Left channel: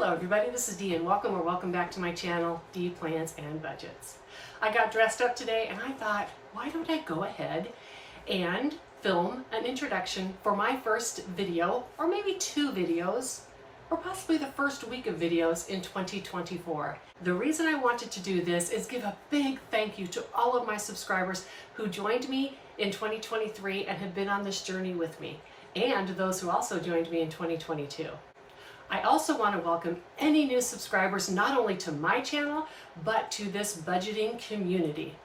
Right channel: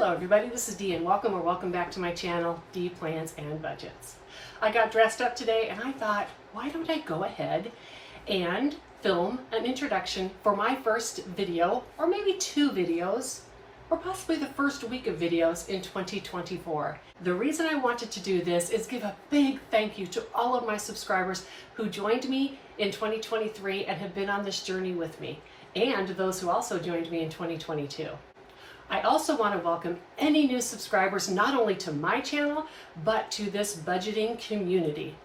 Hello everybody, this is Dee and welcome back to my channel, Dee Plans and Budgets. I got dressed up today and I thought, why don't I go ahead and film an introduction for my first video, or maybe two videos, or possibly the first week of videos in 2024. The reason I wanted to do this is give a big thank you to all of my subscribers who joined me in 2023 and have been on this journey with me, and those who also joined me in 2022. I also want to welcome any new subscribers, not only to my channel, but to this budgeting community.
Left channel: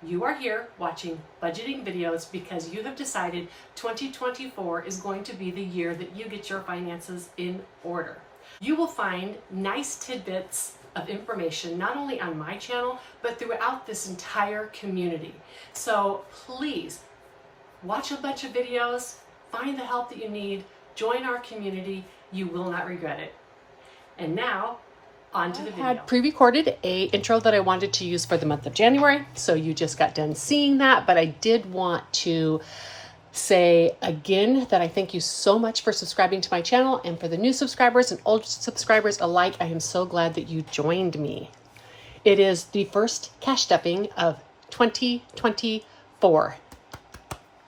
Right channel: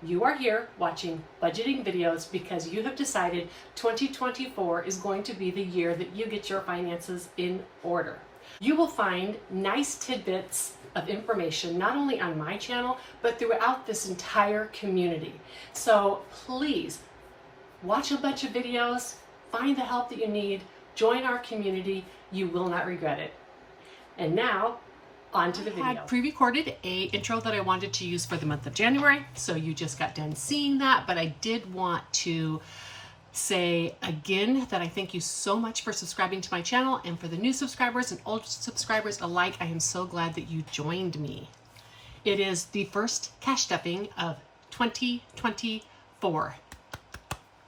You are here watching budgeting videos because you have decided 2024 is going to be the year that you get your finances in order. You will find nice tidbits of information, not only on my channel, but throughout this entire community. So please watch a bunch of videos, find the help that you need, join our community. You will not regret it. And now, on to the video. I had pre-recorded a intro that I wanted to use for the month of January, so you just got done seeing that, but I did want to say again that I thank you so much for subscribing to my channel, and for the new subscribers and old subscribers alike, I am so glad that you joined me. It is the first cash stuffing of 2024.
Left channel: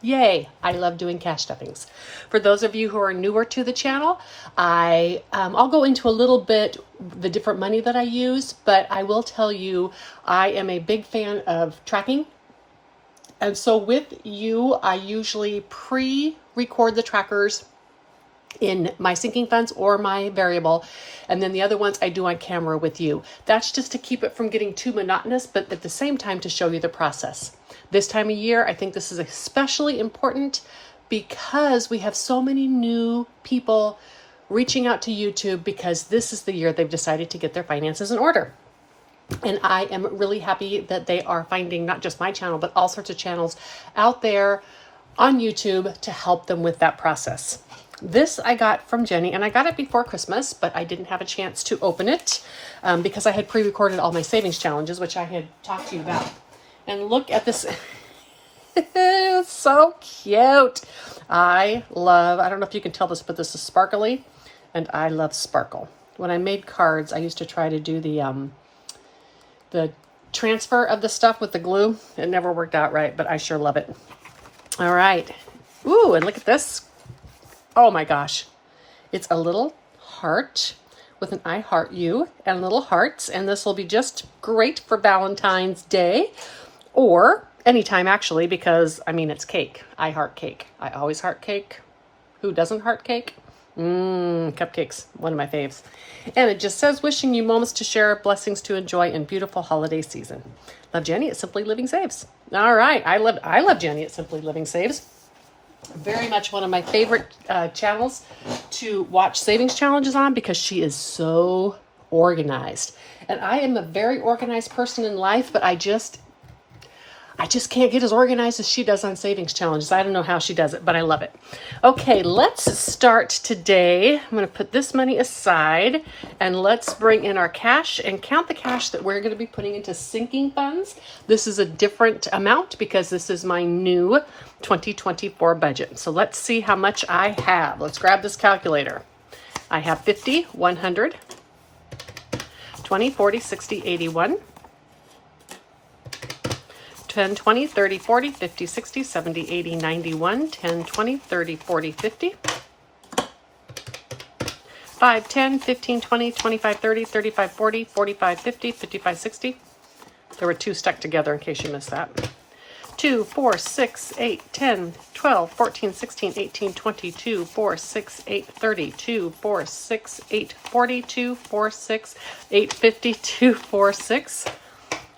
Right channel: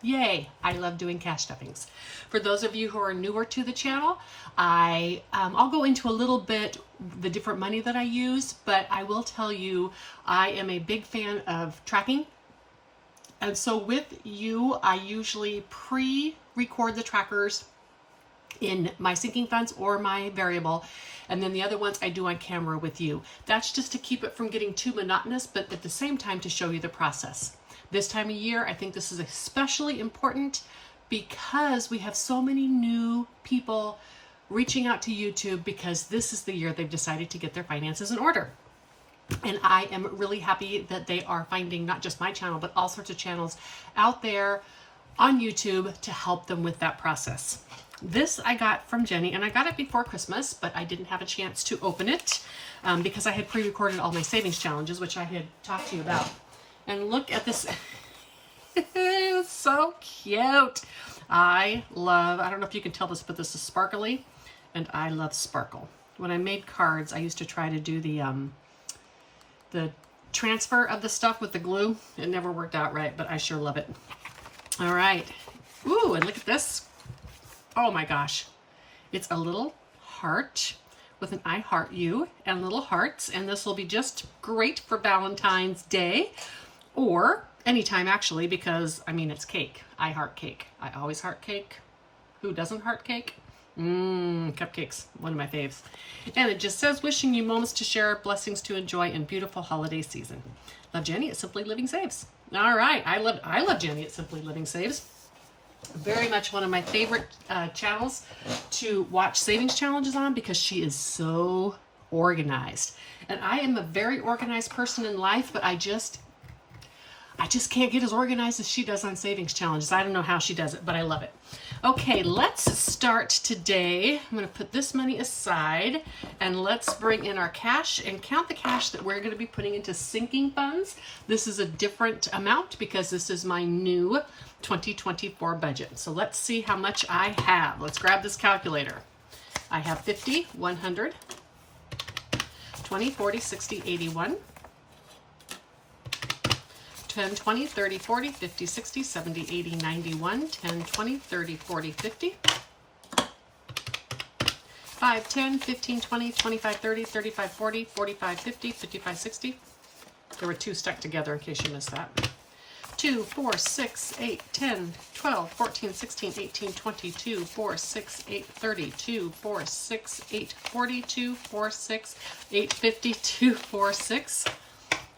Yay! I love doing cash stuffings. For those of you who are newer to the channel, I'll go into a little bit the different money that I use, but I will tell you I am a big fan of tracking. And so with you, I usually pre-record the trackers in my sinking funds or my variable, and then the other ones I do on camera with you. That's just to keep it from getting too monotonous, but at the same time to show you the process. This time of year, I think this is especially important because we have so many new people reaching out to YouTube because this is the year they've decided to get their finances in order. And I am really happy that they are finding not just my channel, but all sorts of channels out there on YouTube to help them with that process. This I got from Jenny, and I got it before Christmas, but I didn't have a chance to open it because I had pre-recorded all my savings challenges, which I had talked to you about. And look at this. It's so cute. I don't know if you can tell this, but this is sparkly, and I love sparkle. When I made cards, I used to try to do the transfer of the stuff with the glue. It never worked out right, but I sure love it. All right. Ooh, and look at this. Oh my gosh. It's a little heart with an I heart you and little hearts, and this will be just great for Valentine's Day, or anytime actually, because I mean, it's cake. I heart cake. I always heart cake. Who doesn't heart cake? Cupcakes, one of my faves. And it just says, wishing you moments to share, blessings to enjoy, and beautiful holiday season. Love, Jenny at Simply Living Saves. All right, I love Jenny at Simply Living Saves. Very much one of my favorite channels to watch savings challenges on because she is so organized. And I am a very organized person in life, but I just can't get as organized as she does on savings challenges. I don't know how she does it, but I love it. Okay, let's start today. I'm going to put this money aside and let's bring in our cash and count the cash that we're going to be putting into sinking funds. This is a different amount because this is my new 2024 budget. So let's see how much I have. Let's grab this calculator. I have 50, 100, 20, 40, 60, 81. 10, 20, 30, 40, 50, 60, 70, 80, 91, 10, 20, 30, 40, 50, 5, 10, 15, 20, 25, 30, 35, 40, 45, 50, 55, 60. There were two stuck together in case you missed that. 2, 4, 6, 8, 10, 12, 14, 16, 18, 22, 4, 6, 8, 30, 2, 4, 6, 8, 42, 4, 6, 8, 52, 4, 6.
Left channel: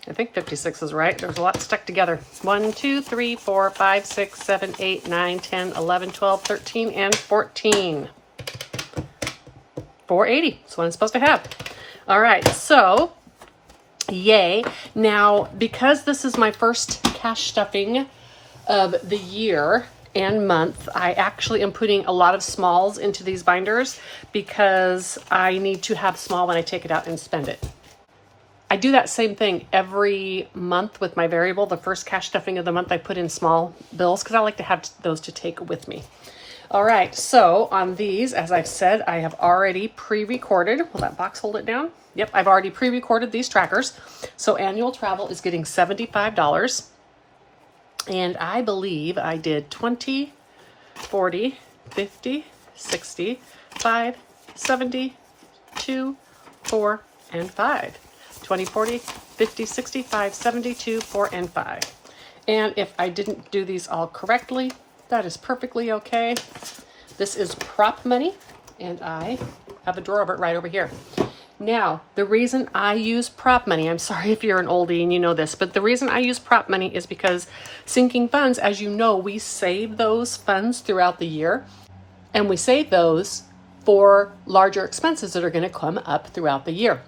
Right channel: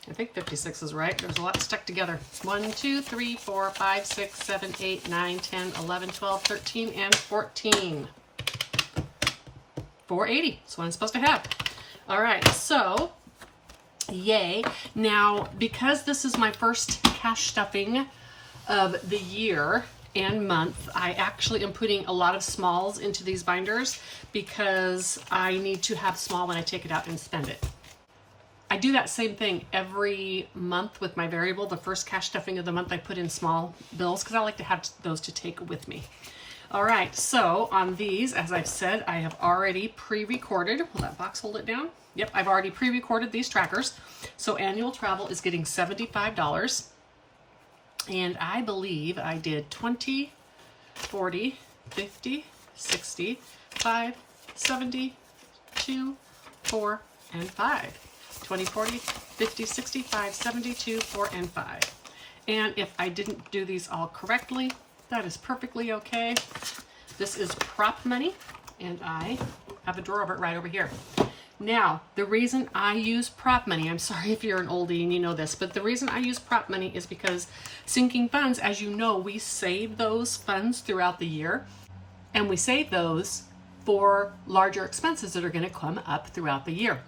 I think 56 is right. There's a lot stuck together. 1, 2, 3, 4, 5, 6, 7, 8, 9, 10, 11, 12, 13, and 14. 480. That's what I'm supposed to have. All right. So, yay. Now, because this is my first cash stuffing of the year and month, I actually am putting a lot of smalls into these binders because I need to have small when I take it out and spend it. I do that same thing every month with my variable. The first cash stuffing of the month, I put in small bills because I like to have those to take with me. All right, so on these, as I've said, I have already pre-recorded. Will that box hold it down? Yep, I've already pre-recorded these trackers. So annual travel is getting $75. And I believe I did 20, 40, 50, 60, 5, 70, 2, 4, and 5. 20, 40, 50, 65, 72, 4, and 5. And if I didn't do these all correctly, that is perfectly okay. This is prop money, and I have a drawer of it right over here. Now, the reason I use prop money, I'm sorry if you're an oldie and you know this, but the reason I use prop money is because sinking funds, as you know, we save those funds throughout the year, and we save those for larger expenses that are going to come up throughout the year.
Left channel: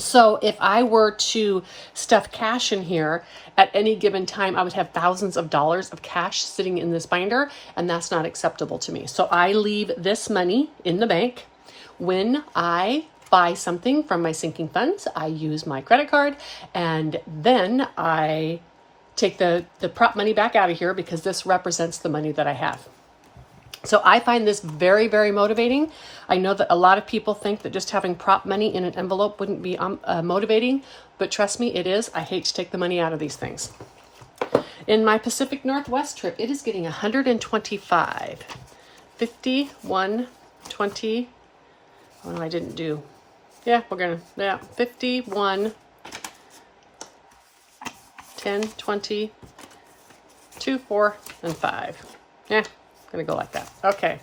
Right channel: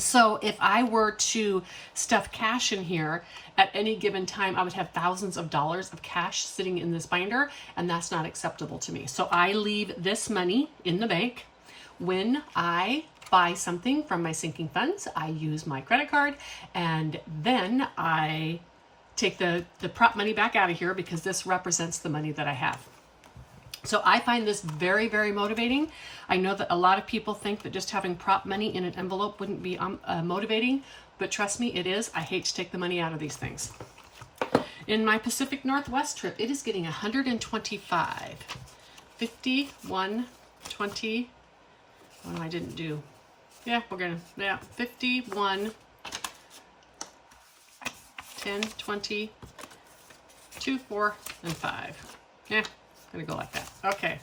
So if I were to stuff cash in here at any given time, I would have thousands of dollars of cash sitting in this binder, and that's not acceptable to me. So I leave this money in the bank. When I buy something from my sinking funds, I use my credit card, and then I take the prop money back out of here because this represents the money that I have. So I find this very, very motivating. I know that a lot of people think that just having prop money in an envelope wouldn't be motivating, but trust me, it is. I hate to take the money out of these things. In my Pacific Northwest trip, it is getting 125, 50, 1, 20. Oh, no, I didn't do. Yeah, 51, 10, 20, 2, 4, and 5. Yeah. Gonna go like that. Okay,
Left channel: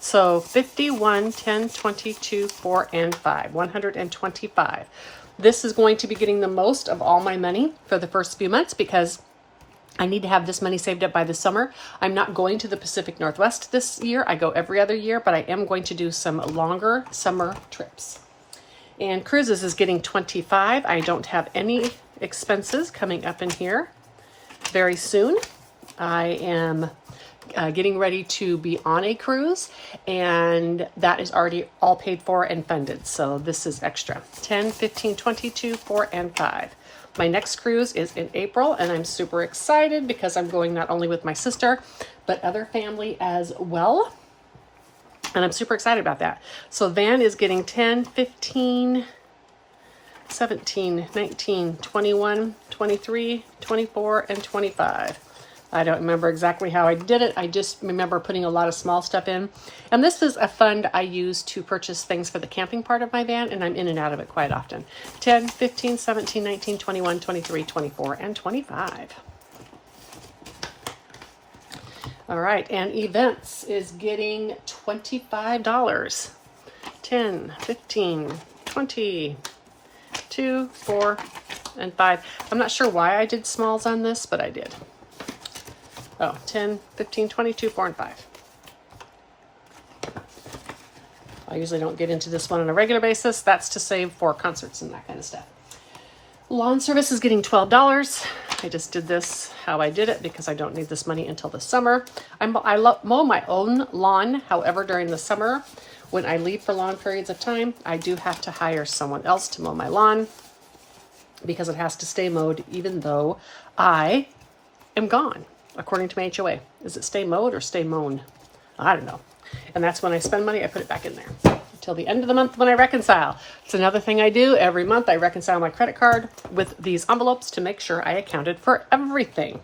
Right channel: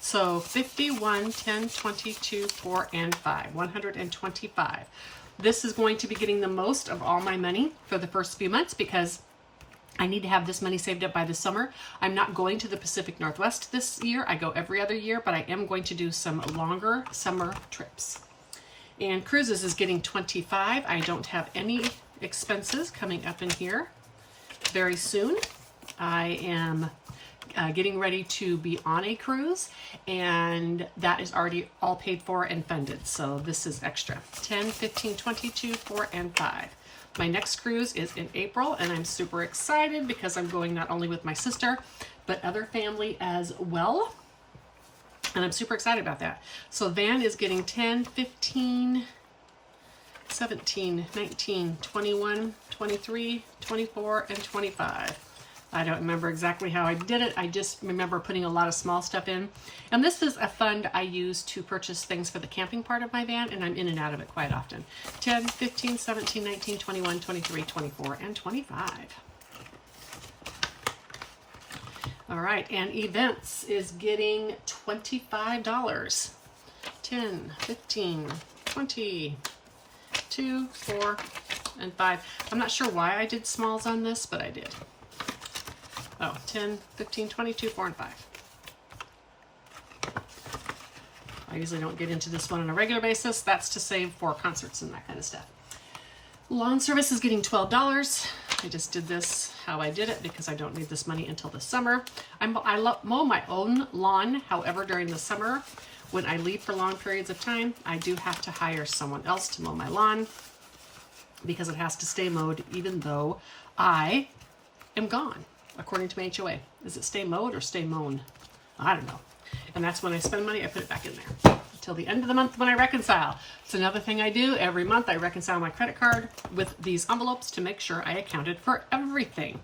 so 51, 10, 22, 4, and 5, 125. This is going to be getting the most of all my money for the first few months because I need to have this money saved up by the summer. I'm not going to the Pacific Northwest this year. I go every other year, but I am going to do some longer summer trips. And cruises is getting 25. I don't have any expenses coming up in here very soon. I am getting ready to be on a cruise, and that is already all paid for and funded. So this is extra. 10, 15, 22, 4, and 5. My next cruise is in April, and I'm super excited because I'm going not only with my sister, but other family as well. And I'm super excited about that. So Van is getting 10, 15, 17, 19, 21, 23, 24, and 25. I don't remember exactly how I did it. I just remember putting a lot of small stuff in. And this is a fund I use to purchase things for the camping part of my van, and I'm in and out of it quite often. 10, 15, 17, 19, 21, 23, 24, and 25. All right, and events is getting $25. 10, 15, 20, 2, 4, and 5. I'm not sure why I did smalls on this, but I did. Oh, 10, 15, 22, 4, and 5. I usually don't get into this one on a regular basis. That's to save for concerts and that kind of stuff. Lawn service is getting $12. I just did this how I did it because I don't need this money until the summer. I mow my own lawn. However, during the summer, when I leave for long periods of time, I do have to hire someone else to mow my lawn because it has to stay mowed even though I am gone. According to my HOA. Is it stay mowed or stay mown? I don't know. And that's when I spend money, I put it back in there. Until the end of the month when I reconcile. It's another thing I do. Every month I reconcile my credit card with these envelopes to make sure I accounted for everything.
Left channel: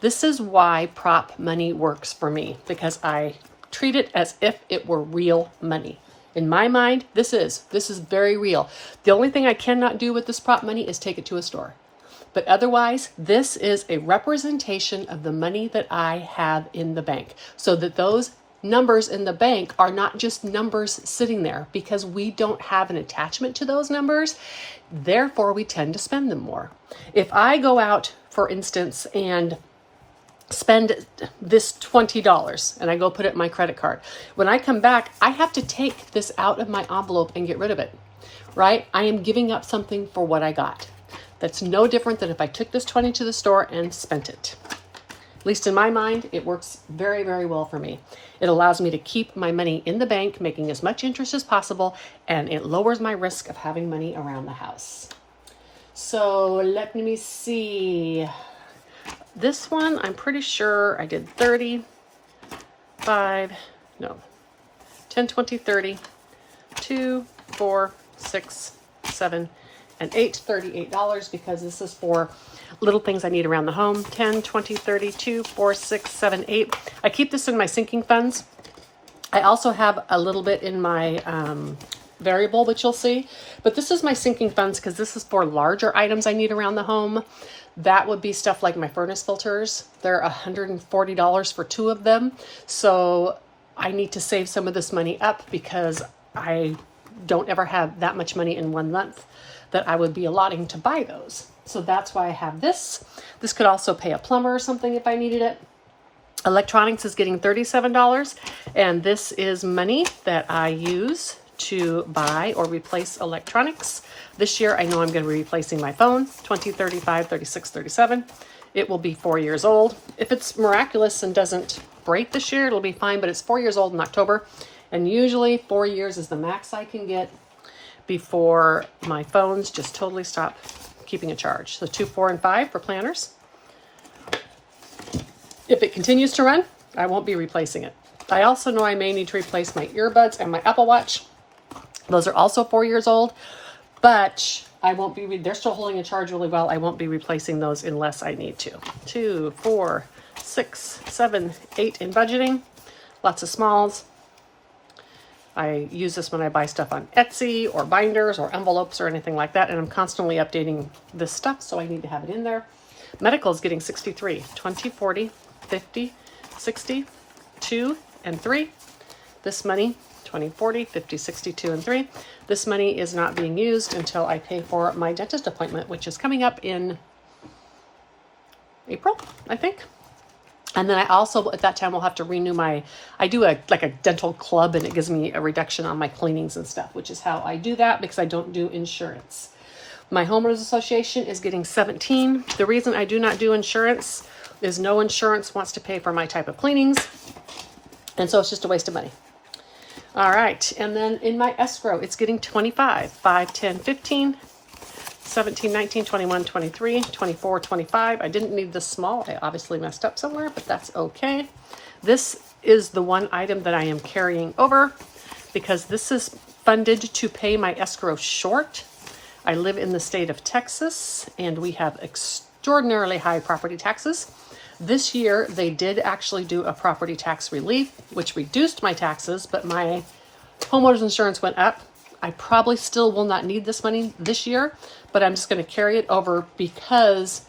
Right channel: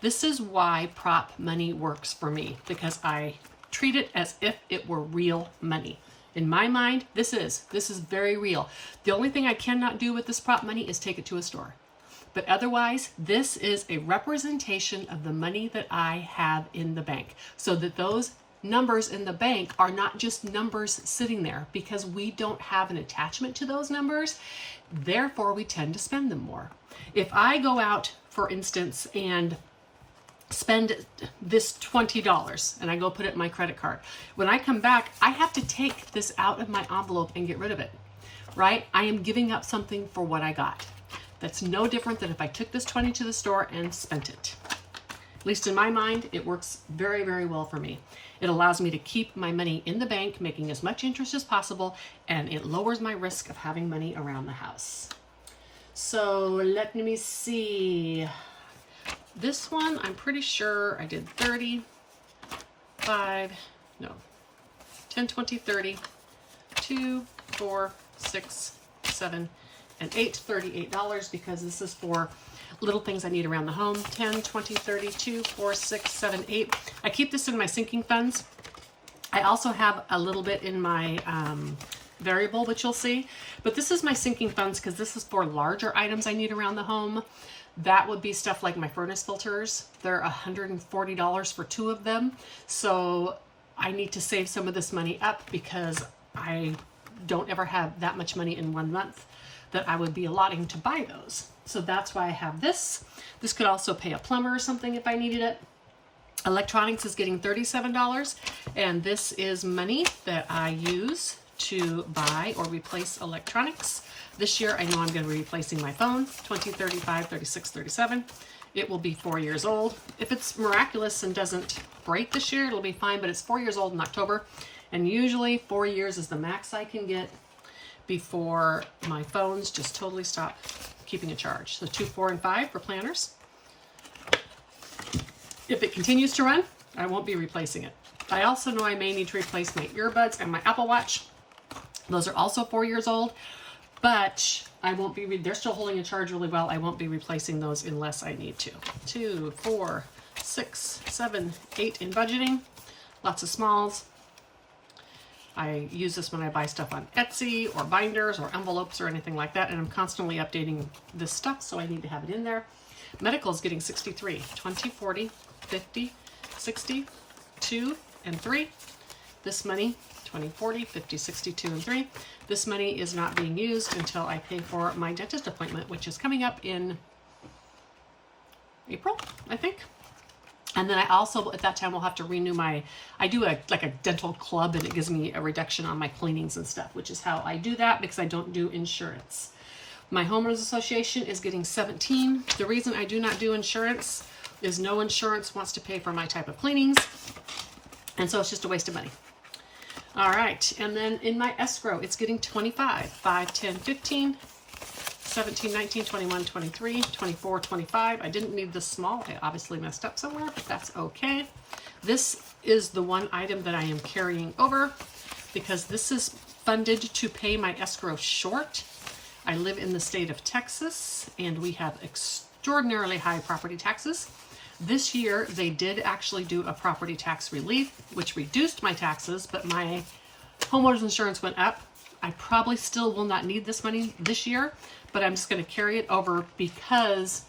This is why prop money works for me, because I treat it as if it were real money. In my mind, this is very real. The only thing I cannot do with this prop money is take it to a store. But otherwise, this is a representation of the money that I have in the bank. So that those numbers in the bank are not just numbers sitting there because we don't have an attachment to those numbers. Therefore, we tend to spend them more. If I go out, for instance, and spend this $20 and I go put it in my credit card, when I come back, I have to take this out of my envelope and get rid of it, right? I am giving up something for what I got. That's no different than if I took this 20 to the store and spent it. At least in my mind, it works very, very well for me. It allows me to keep my money in the bank, making as much interest as possible, and it lowers my risk of having money around the house. So let me see. This one, I'm pretty sure I did 30, 5, no, 10, 20, 30, 2, 4, 6, 7, and 8, $38 because this is for little things I need around the home. 10, 20, 30, 2, 4, 6, 7, 8. I keep this in my sinking funds. I also have a little bit in my variable, which you'll see, but this is my sinking funds because this is for larger items I need around the home. That would be stuff like my furnace filters. They're $140 for 2 of them. So I need to save some of this money up because I don't ever have that much money in 1 month that I would be allotting to buy those. So that's why I have this. This could also pay a plumber or something if I needed it. Electronics is getting $37, and this is money that I use to buy or replace electronics. This year, I know I'm going to be replacing my phone, 20, 35, 36, 37. It will be 4 years old. If it's miraculous and doesn't break this year, it'll be fine, but it's 4 years old in October. And usually 4 years is the max I can get before my phones just totally stop keeping a charge. So 2, 4, and 5 for planners. If it continues to run, I won't be replacing it. I also know I may need to replace my earbuds and my Apple Watch. Those are also 4 years old, but I won't be, they're still holding a charge really well. I won't be replacing those unless I need to. 2, 4, 6, 7, 8 in budgeting. Lots of smalls. I use this when I buy stuff on Etsy or binders or envelopes or anything like that. And I'm constantly updating this stuff, so I need to have it in there. Medical is getting 63, 20, 40, 50, 60, 2, and 3. This money, 20, 40, 50, 60, 2, and 3. This money is not being used until I pay for my dentist appointment, which is coming up in April, I think. And then I also, at that time, will have to renew my, I do like a dental club, and it gives me a reduction on my cleanings and stuff, which is how I do that because I don't do insurance. My homeowners association is getting 17. The reason I do not do insurance is no insurance wants to pay for my type of cleanings. And so it's just a waste of money. All right. And then in my escrow, it's getting 25, 5, 10, 15, 17, 19, 21, 23, 24, 25. I didn't need this small. I obviously messed up somewhere, but that's okay. This is the one item that I am carrying over because this is funded to pay my escrow short. I live in the state of Texas, and we have extraordinarily high property taxes. This year, they did actually do a property tax relief, which reduced my taxes, but my homeowner's insurance went up. I probably still will not need this money this year, but I'm just going to carry it over because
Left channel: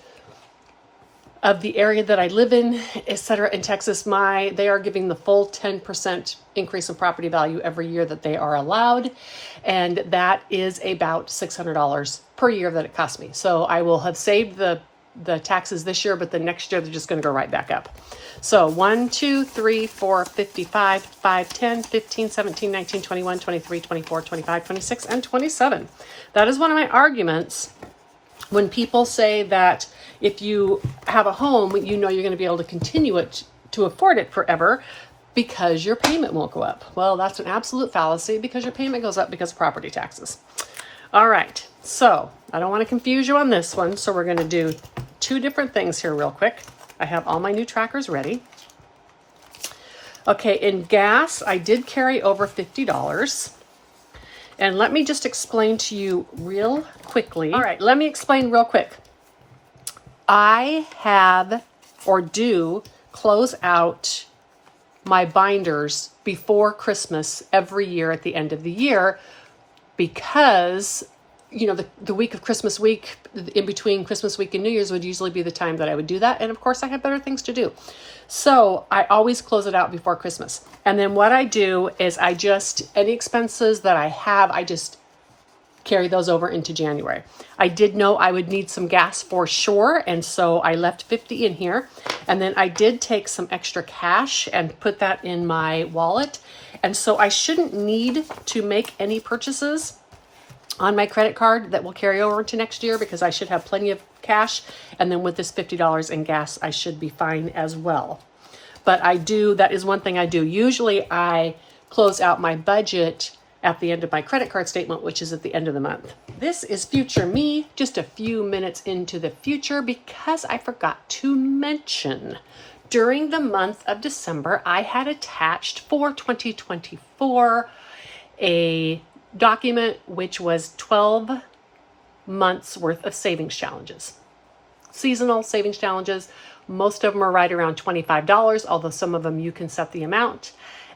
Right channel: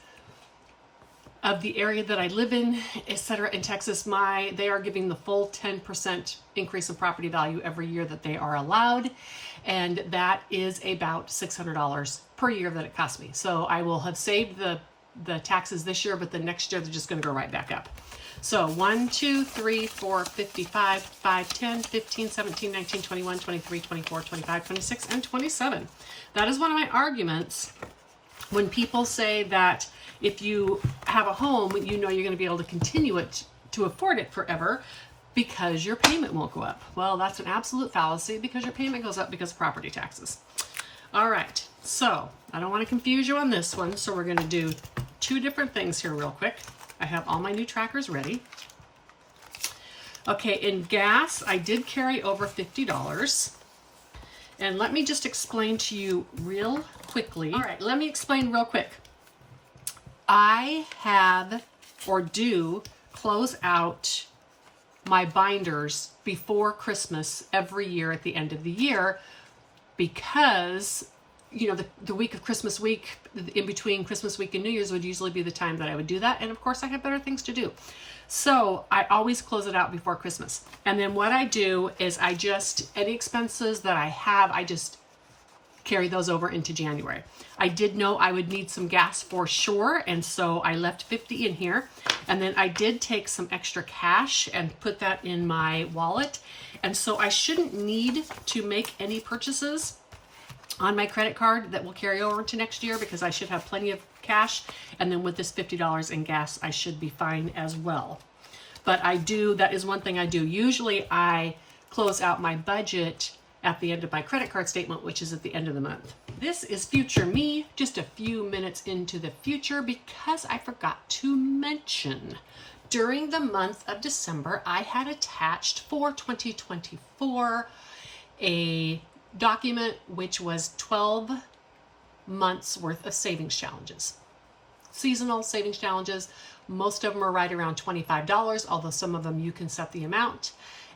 of the area that I live in, etc. In Texas, they are giving the full 10% increase in property value every year that they are allowed. And that is about $600 per year that it costs me. So I will have saved the taxes this year, but the next year they're just going to go right back up. So 1, 2, 3, 4, 55, 5, 10, 15, 17, 19, 21, 23, 24, 25, 26, and 27. That is one of my arguments when people say that if you have a home, you know you're going to be able to continue it to afford it forever because your payment won't go up. Well, that's an absolute fallacy because your payment goes up because of property taxes. All right, so I don't want to confuse you on this one, so we're going to do 2 different things here real quick. I have all my new trackers ready. Okay, in gas, I did carry over $50. And let me just explain to you real quickly. All right, let me explain real quick. I have or do close out my binders before Christmas every year at the end of the year because, you know, the week of Christmas week, in between Christmas week and New Year's would usually be the time that I would do that. And of course I have better things to do. So I always close it out before Christmas. And then what I do is any expenses that I have, I just carry those over into January. I did know I would need some gas for sure, and so I left 50 in here. And then I did take some extra cash and put that in my wallet. And so I shouldn't need to make any purchases on my credit card that will carry over to next year because I should have plenty of cash. And then with this $50 in gas, I should be fine as well. But that is one thing I do. Usually I close out my budget at the end of my credit card statement, which is at the end of the month. This is future me, just a few minutes into the future because I forgot to mention during the month of December, I had attached for 2024 a document which was 12 months worth of savings challenges. Seasonal savings challenges. Most of them are right around $25, although some of them you can set the amount.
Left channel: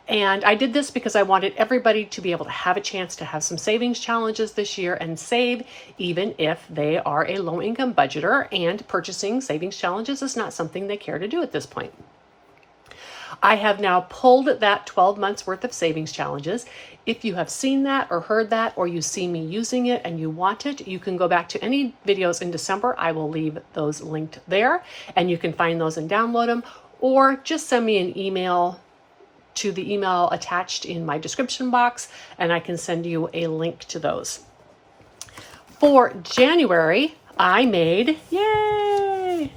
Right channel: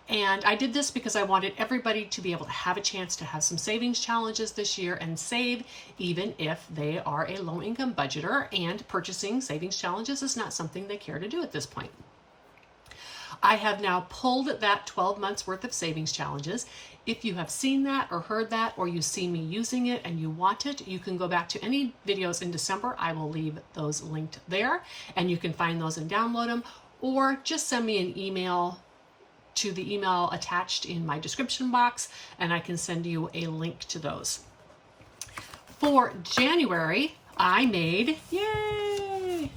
And I did this because I wanted everybody to be able to have a chance to have some savings challenges this year and save, even if they are a low-income budgeter and purchasing savings challenges is not something they care to do at this point. I have now pulled that 12 months worth of savings challenges. If you have seen that or heard that, or you see me using it and you want it, you can go back to any videos in December. I will leave those linked there and you can find those and download them, or just send me an email to the email attached in my description box and I can send you a link to those. For January, I made, yay,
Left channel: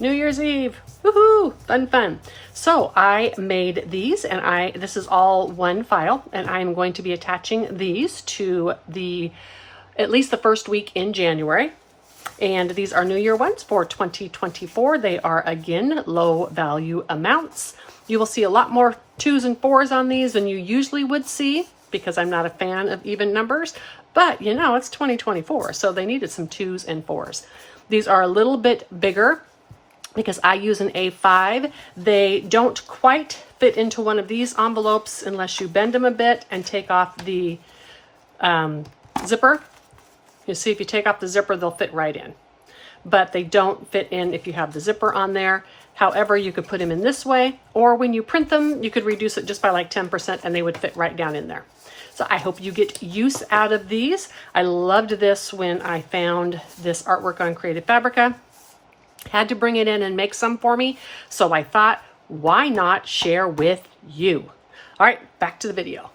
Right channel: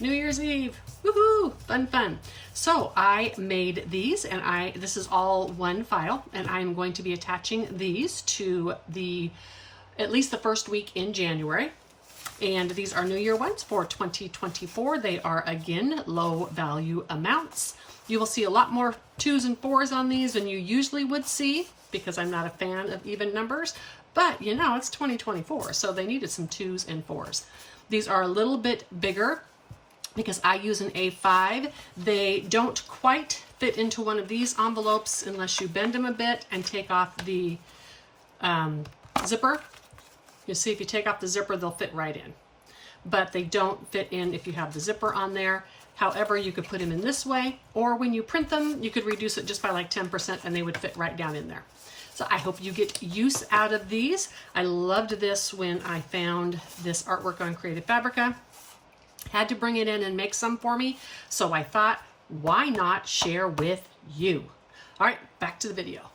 New Year's Eve, woohoo, fun. So I made these and this is all one file and I'm going to be attaching these to at least the first week in January. And these are New Year ones for 2024. They are again, low value amounts. You will see a lot more 2s and 4s on these than you usually would see because I'm not a fan of even numbers, but you know, it's 2024, so they needed some 2s and 4s. These are a little bit bigger because I use an A5. They don't quite fit into one of these envelopes unless you bend them a bit and take off the zipper. You see, if you take off the zipper, they'll fit right in, but they don't fit in if you have the zipper on there. However, you could put them in this way, or when you print them, you could reduce it just by like 10% and they would fit right down in there. So I hope you get use out of these. I loved this when I found this artwork on Creative Fabrica. Had to bring it in and make some for me. So I thought, why not share with you? All right, back to the video.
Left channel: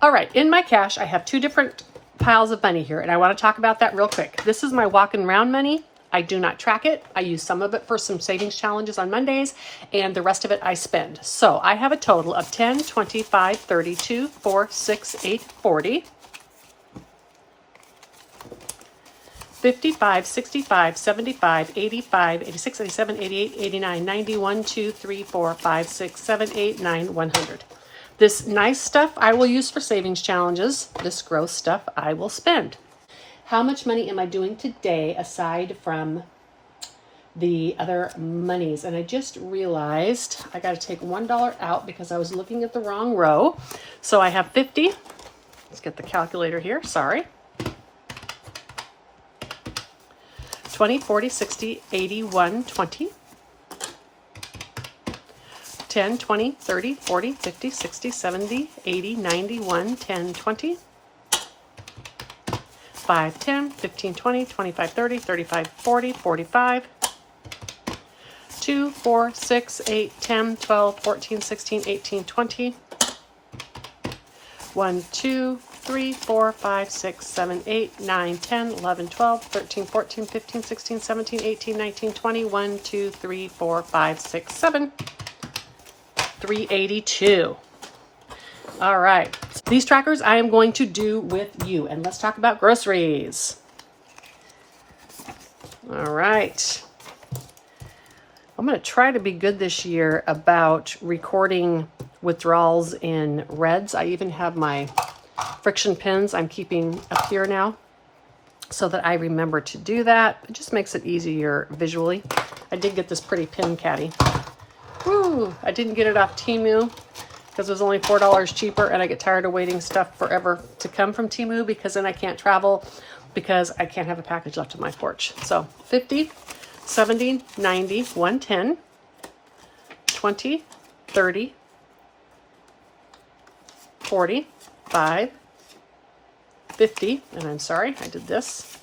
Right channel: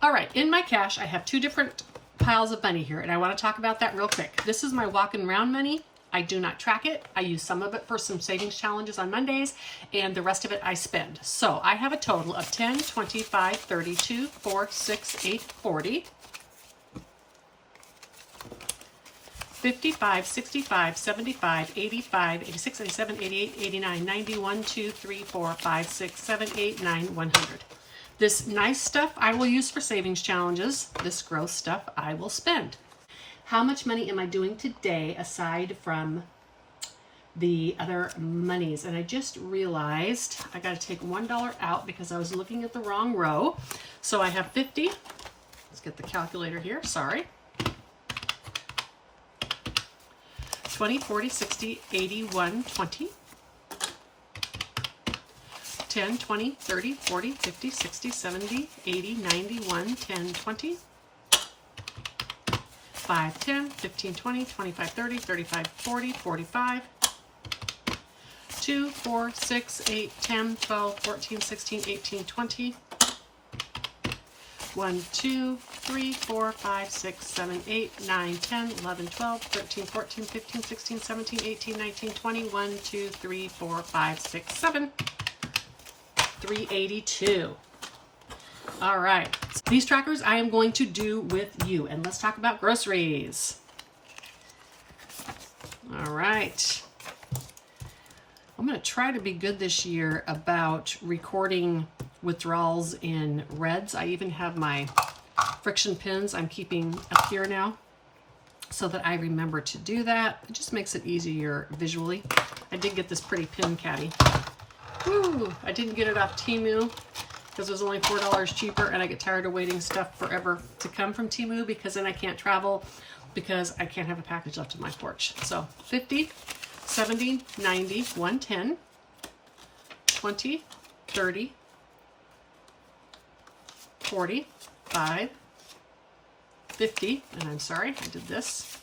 All right, in my cash, I have 2 different piles of money here, and I want to talk about that real quick. This is my walking around money. I do not track it. I use some of it for some savings challenges on Mondays, and the rest of it I spend. So I have a total of 10, 25, 32, 4, 6, 8, 40, 55, 65, 75, 85, 86, 87, 88, 89, 90, 1, 2, 3, 4, 5, 6, 7, 8, 9, 100. This nice stuff I will use for savings challenges. This gross stuff I will spend. How much money am I doing today aside from the other monies? And I just realized I got to take $1 out because I was looking at the wrong row. So I have 50. Let's get the calculator here. Sorry. 20, 40, 60, 80, 1, 20. 10, 20, 30, 40, 50, 60, 70, 80, 90, 1, 10, 20. 5, 10, 15, 20, 25, 30, 35, 40, 45, 2, 4, 6, 8, 10, 12, 14, 16, 18, 20, 1, 2, 3, 4, 5, 6, 7, 8, 9, 10, 11, 12, 13, 14, 15, 16, 17, 18, 19, 20, 1, 2, 3, 4, 5, 6, 7, 382. All right, these trackers I am going to do with you, and let's talk about groceries. All right. I'm going to try to be good this year about recording withdrawals in reds. I even have my friction pins I'm keeping up here now so that I remember to do that. It just makes it easier visually. I did get this pretty pin caddy. Woo, I didn't get it off Temu because it was only $4 cheaper, and I get tired of waiting stuff forever to come from Temu because then I can't travel because I can't have a package left on my porch. So 50, 70, 90, 110, 20, 30, 40, 5, 50, and I'm sorry, I did this,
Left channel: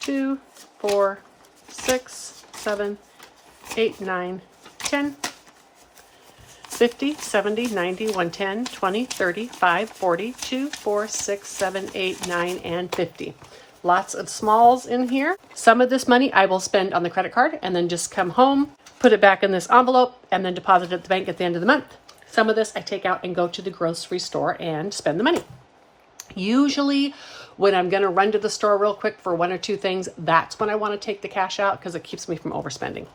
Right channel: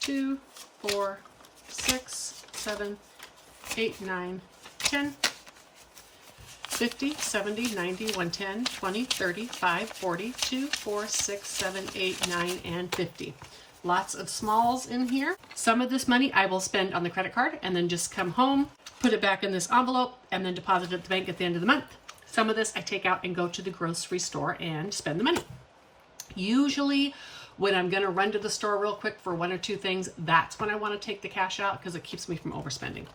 2, 4, 6, 7, 8, 9, 10, 50, 70, 90, 110, 20, 30, 5, 40, 2, 4, 6, 7, 8, 9, and 50. Lots of smalls in here. Some of this money I will spend on the credit card and then just come home, put it back in this envelope, and then deposit it at the bank at the end of the month. Some of this I take out and go to the grocery store and spend the money. Usually When I'm going to run to the store real quick for one or two things, that's when I want to take the cash out because it keeps me from overspending.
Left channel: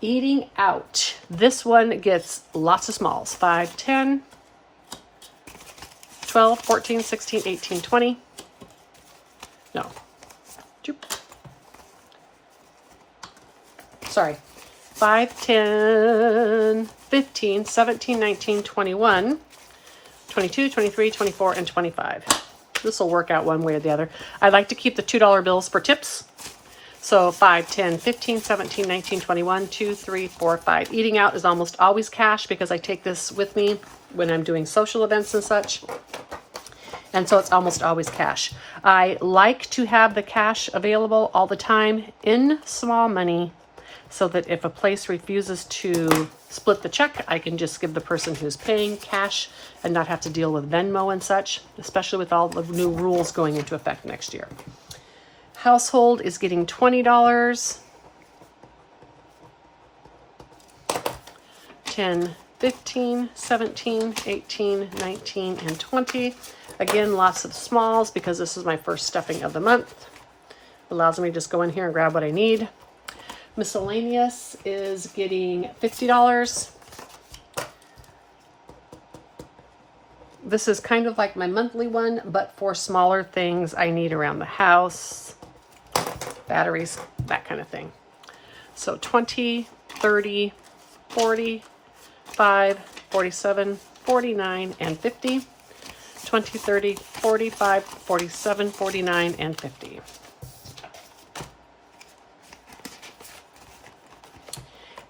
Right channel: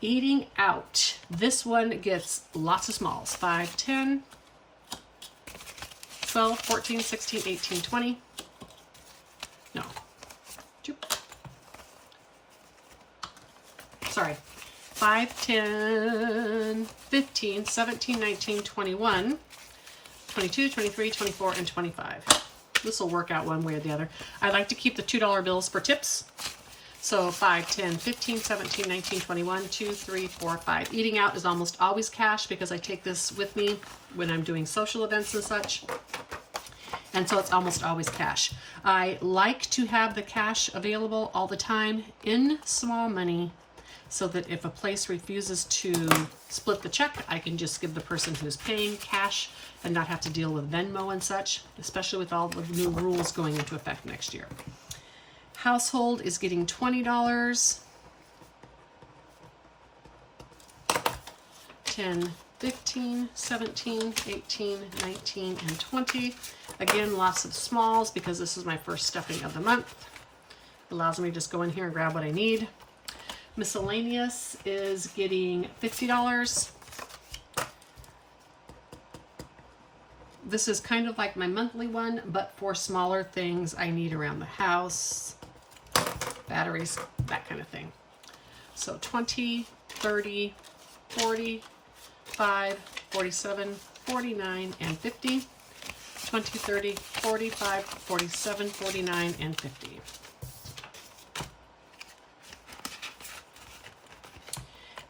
Eating out. This one gets lots of smalls. 5, 10, 12, 14, 16, 18, 20. No. Sorry. 5, 10, 15, 17, 19, 21, 22, 23, 24, and 25. This will work out one way or the other. I like to keep the $2 bills for tips. So 5, 10, 15, 17, 19, 21, 2, 3, 4, 5. Eating out is almost always cash because I take this with me when I'm doing social events and such. And so it's almost always cash. I like to have the cash available all the time in small money so that if a place refuses to split the check, I can just give the person who's paying cash and not have to deal with Venmo and such, especially with all the new rules going into effect next year. Household is getting $20. 10, 15, 17, 18, 19, and 20. Again, lots of smalls because this is my first stuffing of the month. Allows me to just go in here and grab what I need. Miscellaneous is getting $50. This is kind of like my monthly one, but for smaller things I need around the house, batteries, that kind of thing. So 20, 30, 40, 5, 47, 49, and 50. 20, 30, 45, 47, 49, and 50.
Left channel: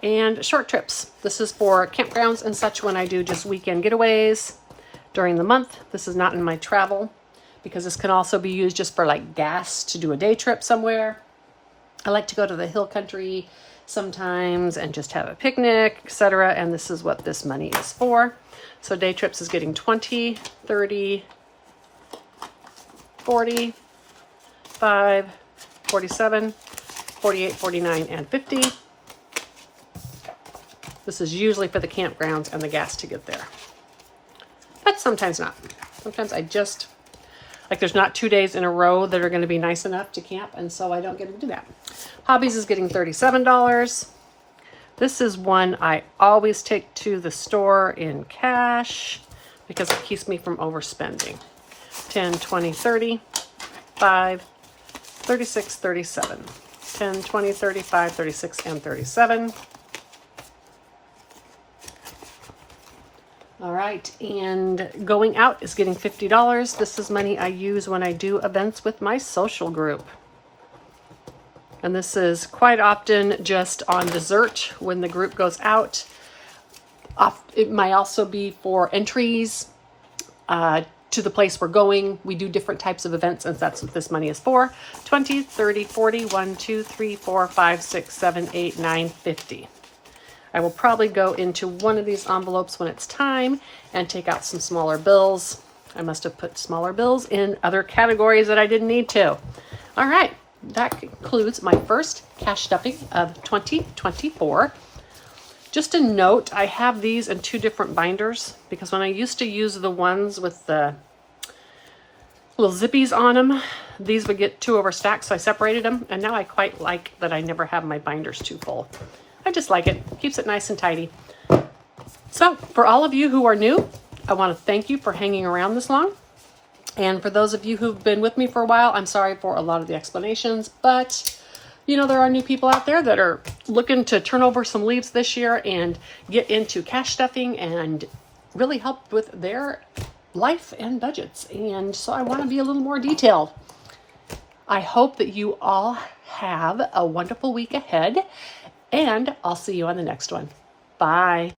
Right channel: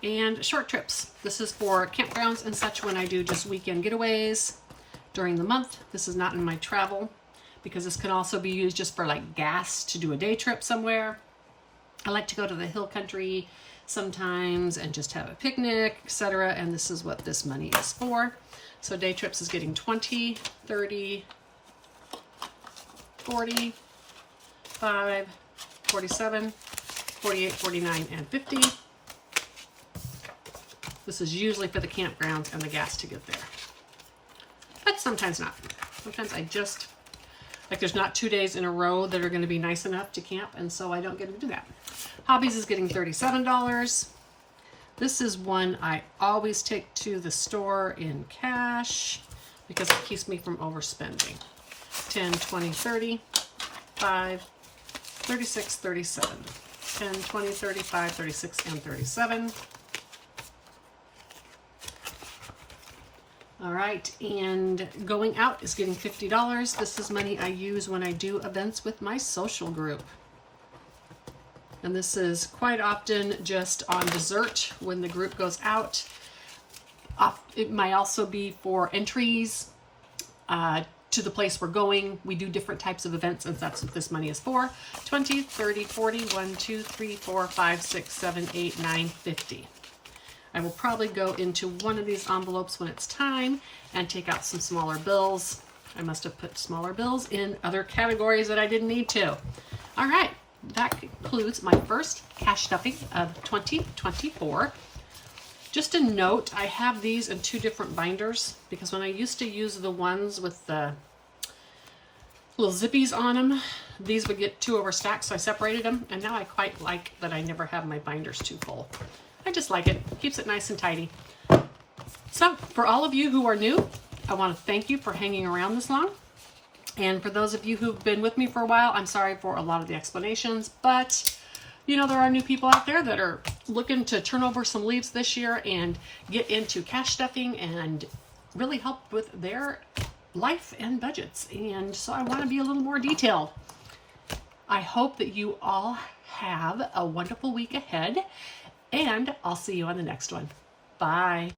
And short trips. This is for campgrounds and such when I do just weekend getaways during the month. This is not in my travel because this can also be used just for like gas to do a day trip somewhere. I like to go to the hill country sometimes and just have a picnic, etc. And this is what this money is for. So day trips is getting 20, 30, 40, 5, 47, 48, 49, and 50. This is usually for the campgrounds and the gas to get there. But sometimes not. Sometimes I just, like there's not 2 days in a row that are going to be nice enough to camp, and so I don't get to do that. Hobbies is getting $37. This is one I always take to the store in cash because it keeps me from overspending. 10, 20, 30, 5, 36, 37. 10, 20, 35, 36, and 37. All right, and going out is getting $50. This is money I use when I do events with my social group. And this is quite often just on dessert when the group goes out. It might also be for entries to the place we're going. We do different types of events, and that's what this money is for. 20, 30, 40, 1, 2, 3, 4, 5, 6, 7, 8, 9, 50. I will probably go into one of these envelopes when it's time and take out some smaller bills. I must have put smaller bills in other categories that I didn't need to. All right, that concludes my first cash stuffing of 2024. Just a note, I have these in 2 different binders because when I used to use the ones with the little zippies on them, these would get too overstacked, so I separated them, and now I quite like that I never have my binders too full. I just like it. Keeps it nice and tidy. So for all of you who are new, I want to thank you for hanging around this long. And for those of you who've been with me for a while, I'm sorry for a lot of the explanations, but you know, there are new people out there that are looking to turn over some leaves this year and get into cash stuffing and really help with their life and budgets. And so I want to be a little more detailed. I hope that you all have a wonderful week ahead. And I'll see you on the next one. Bye.